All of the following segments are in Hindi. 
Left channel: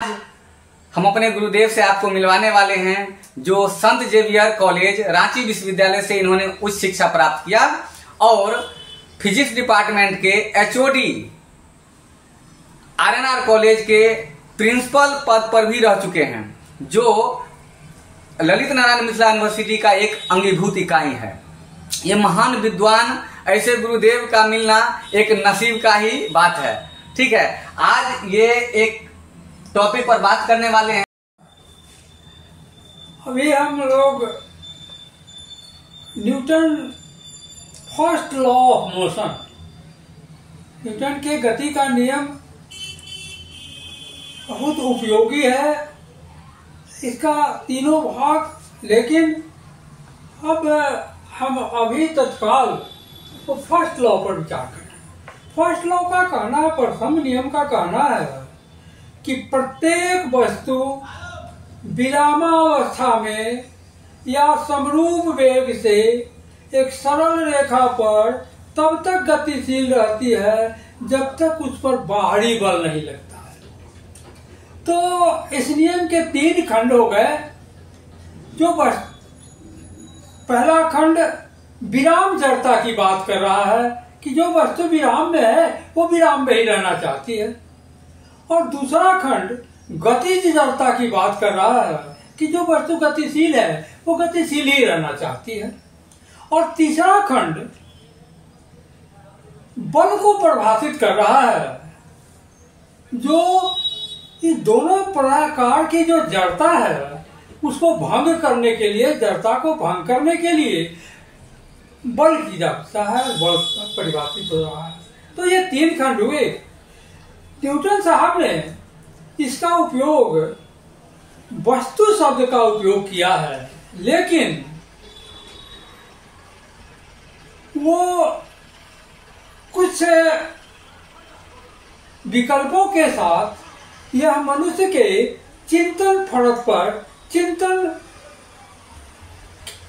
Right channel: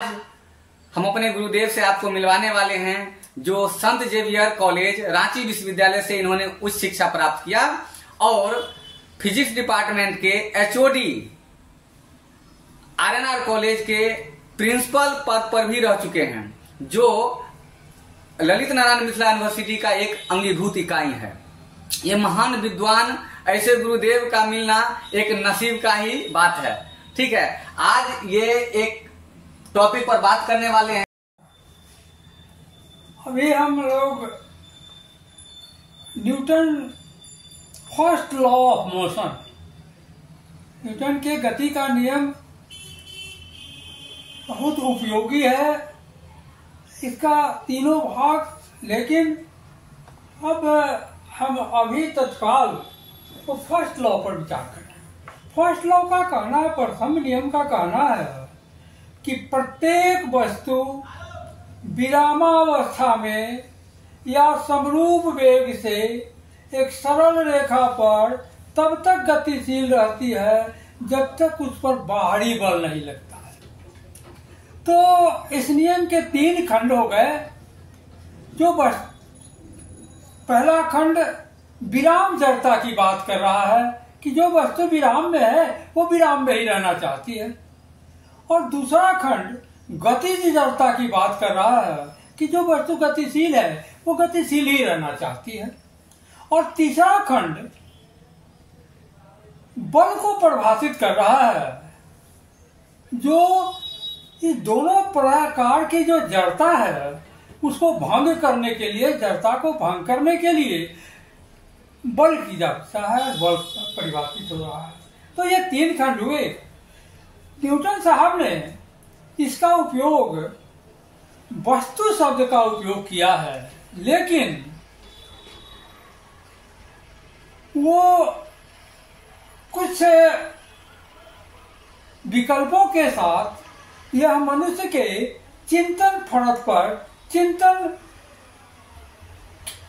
हम अपने गुरुदेव से आपको मिलवाने वाले हैं, जो संत जेवियर कॉलेज रांची विश्वविद्यालय से इन्होंने उच्च शिक्षा प्राप्त किया और फिजिक्स डिपार्टमेंट के एचओडी आरएनआर कॉलेज के प्रिंसिपल पद पर भी रह चुके हैं, जो ललित नारायण मिथिला यूनिवर्सिटी का एक अंगीभूत इकाई है। ये महान विद्वान, ऐसे गुरुदेव का मिलना एक नसीब का ही बात है। ठीक है, आज ये एक टॉपिक पर बात करने वाले हैं। अभी हम लोग Newton first law of motion, Newton के गति का नियम बहुत उपयोगी है, इसका तीनों भाग। लेकिन अब हम अभी तत्काल तो फर्स्ट लॉ पर विचार करें। फर्स्ट लॉ का कहना है, प्रथम नियम का कहना है कि प्रत्येक वस्तु विरामावस्था में या समरूप वेग से एक सरल रेखा पर तब तक गतिशील रहती है जब तक उस पर बाहरी बल नहीं लगता है। तो इस नियम के तीन खंड हो गए। जो पहला खंड विराम जड़ता की बात कर रहा है कि जो वस्तु विराम में है वो विराम में ही रहना चाहती है, और दूसरा खंड गतिज जड़ता की बात कर रहा है कि जो वस्तु गतिशील है वो गतिशील ही रहना चाहती है, और तीसरा खंड बल को परिभाषित कर रहा है, जो इस दोनों प्रकार की जो जड़ता है उसको भंग करने के लिए, जड़ता को भंग करने के लिए बल की जाता है, बल परिभाषित हो रहा है। तो ये तीन खंड हुए। न्यूटन साहब ने इसका उपयोग वस्तु शब्द का उपयोग किया है, लेकिन वो कुछ विकल्पों के साथ यह मनुष्य के चिंतन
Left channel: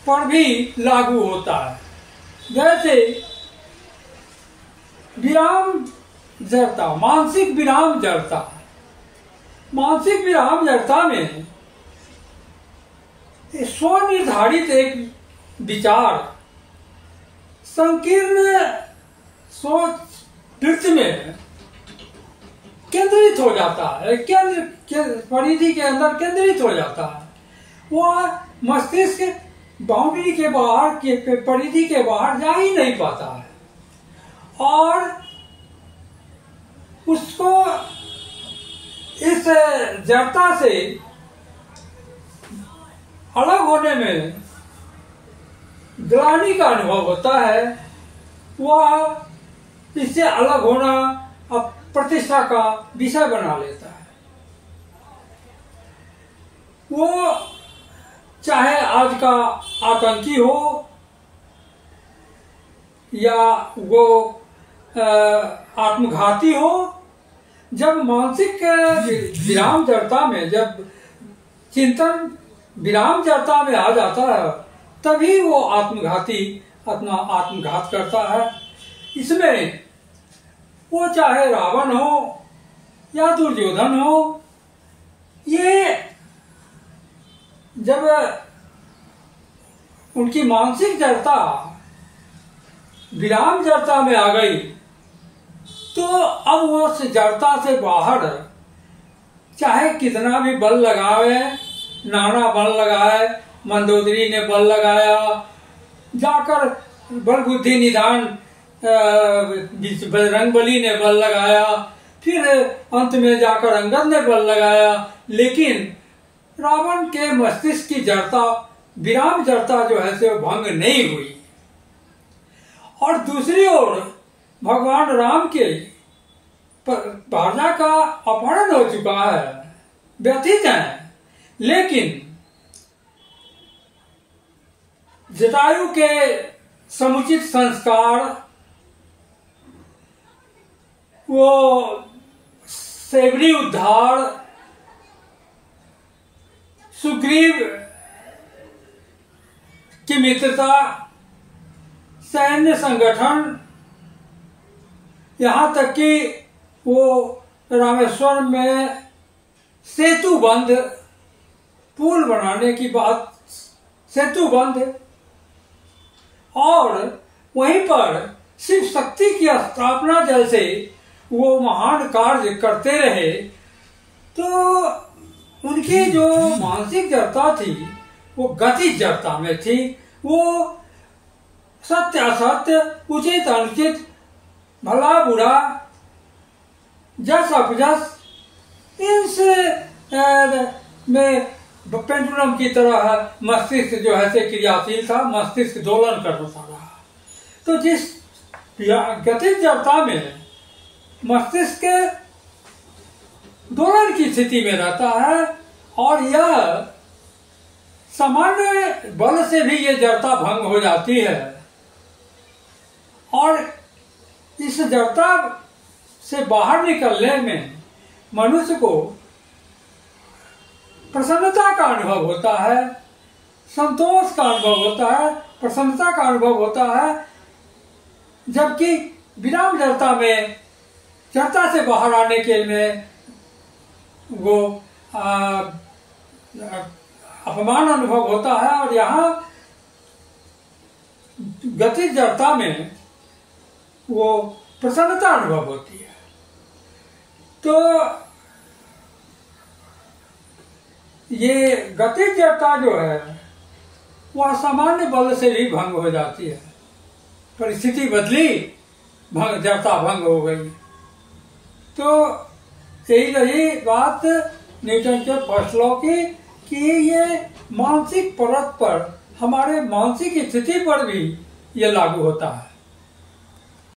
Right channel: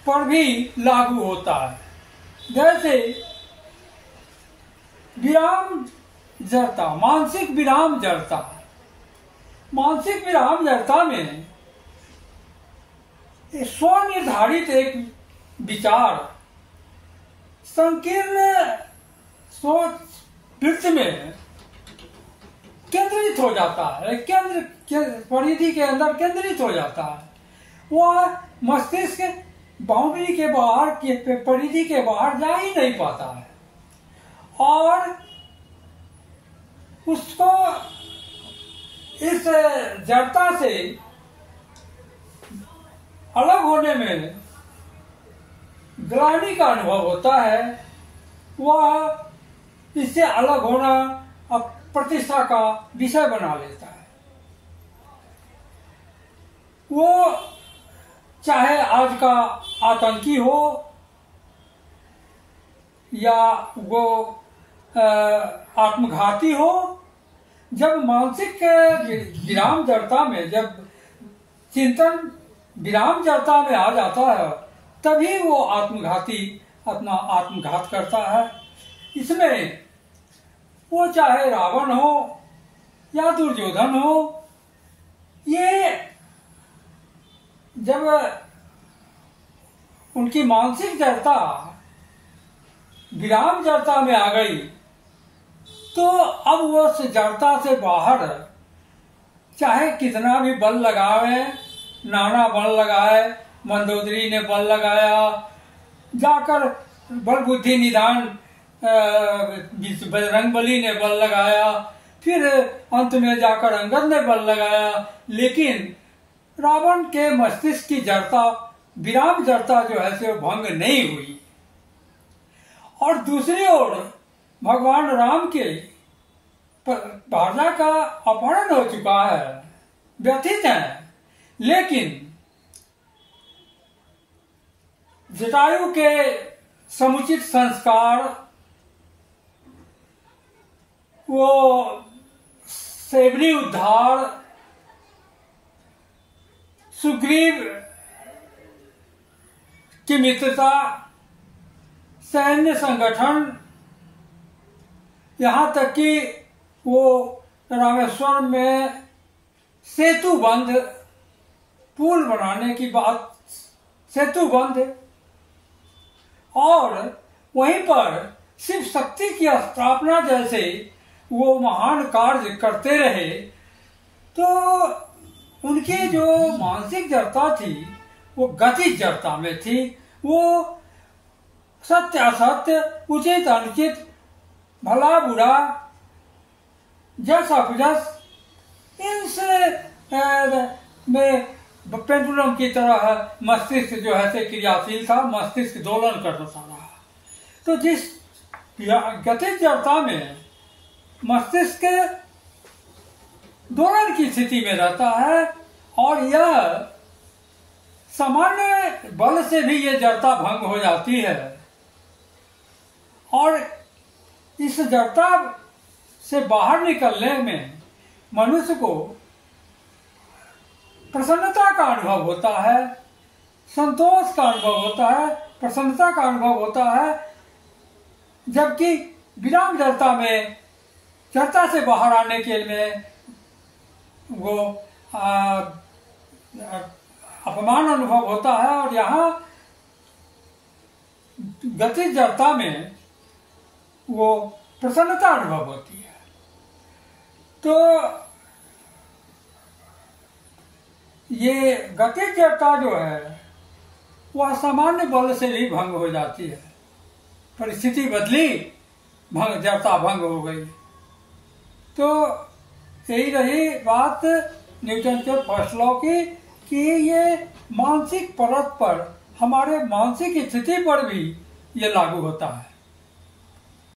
पर भी लागू होता है। जैसे विराम जड़ता, मानसिक विराम जड़ता। मानसिक विराम जड़ता में स्वनिर्धारित एक विचार संकीर्ण सोच वृत्ति में केंद्रित हो जाता है, परिधि के अंदर केंद्रित हो जाता है। वह मस्तिष्क बाउंड्री के बाहर, के परिधि के बाहर जा ही नहीं पाता है, और उसको इस जड़ता से अलग होने में ग्लानि का अनुभव होता है। वह इससे अलग होना अब प्रतिष्ठा का विषय बना लेता है। वो चाहे आज का आतंकी हो या वो आत्मघाती हो, जब मानसिक विराम जड़ता में, जब चिंतन विराम जड़ता में आ जाता है, तभी वो आत्मघाती अपना आत्मघात करता है। इसमें वो चाहे रावण हो या दुर्योधन हो, ये जब उनकी मानसिक जड़ता विराम जड़ता में आ गई, तो अब वो उस जड़ता से बाहर चाहे कितना भी बल लगावे, नाना बल लगाए, मंदोदरी ने बल लगाया, जाकर बल बुद्धि निधान बजरंगबली ने बल लगाया, फिर अंत में जाकर अंगद ने बल लगाया, लेकिन रावण के मस्तिष्क की जड़ता, विराम जड़ता जो है से भंग नहीं हुई। और दूसरी ओर भगवान राम के भार्या का अपहरण हो चुका है, व्यथित है, लेकिन जटायु के समुचित संस्कार, वो सेवरी उद्धार, सुग्रीव की मित्रता, सैन्य संगठन, यहाँ तक कि वो रामेश्वर में सेतु बंध, पुल बनाने की बात, सेतु बंध, और वहीं पर शिव शक्ति की स्थापना जैसे वो महान कार्य करते रहे, तो उनकी जो मानसिक जड़ता थी वो गतिज जड़ता में थी। वो सत्य असत्य, उचित अनुचित, भला बुरा, जस अपजस, इस में पेंडुलम की तरह मस्तिष्क जो है से क्रियाशील था, मस्तिष्क दोलन करता रहा। तो जिस गतिज जड़ता में मस्तिष्क दोलन की स्थिति में रहता है, और यह सामान्य बल से भी ये जड़ता भंग हो जाती है, और इस जड़ता से बाहर निकलने में मनुष्य को प्रसन्नता का अनुभव होता है, संतोष का अनुभव होता है, प्रसन्नता का अनुभव होता है। जबकि विराम जड़ता में, जड़ता से बाहर आने के लिए वो अपमान अनुभव होता है, और यहाँ गतिज जड़ता में वो प्रसन्नता अनुभव होती है। तो ये गतिज जड़ता जो है वह सामान्य बल से भी भंग हो जाती है। परिस्थिति बदली, जड़ता भंग हो गई। तो यही रही बात न्यूटन के फर्स्ट लॉ की, कि ये मानसिक परत पर, हमारे मानसिक स्थिति पर भी ये लागू होता है।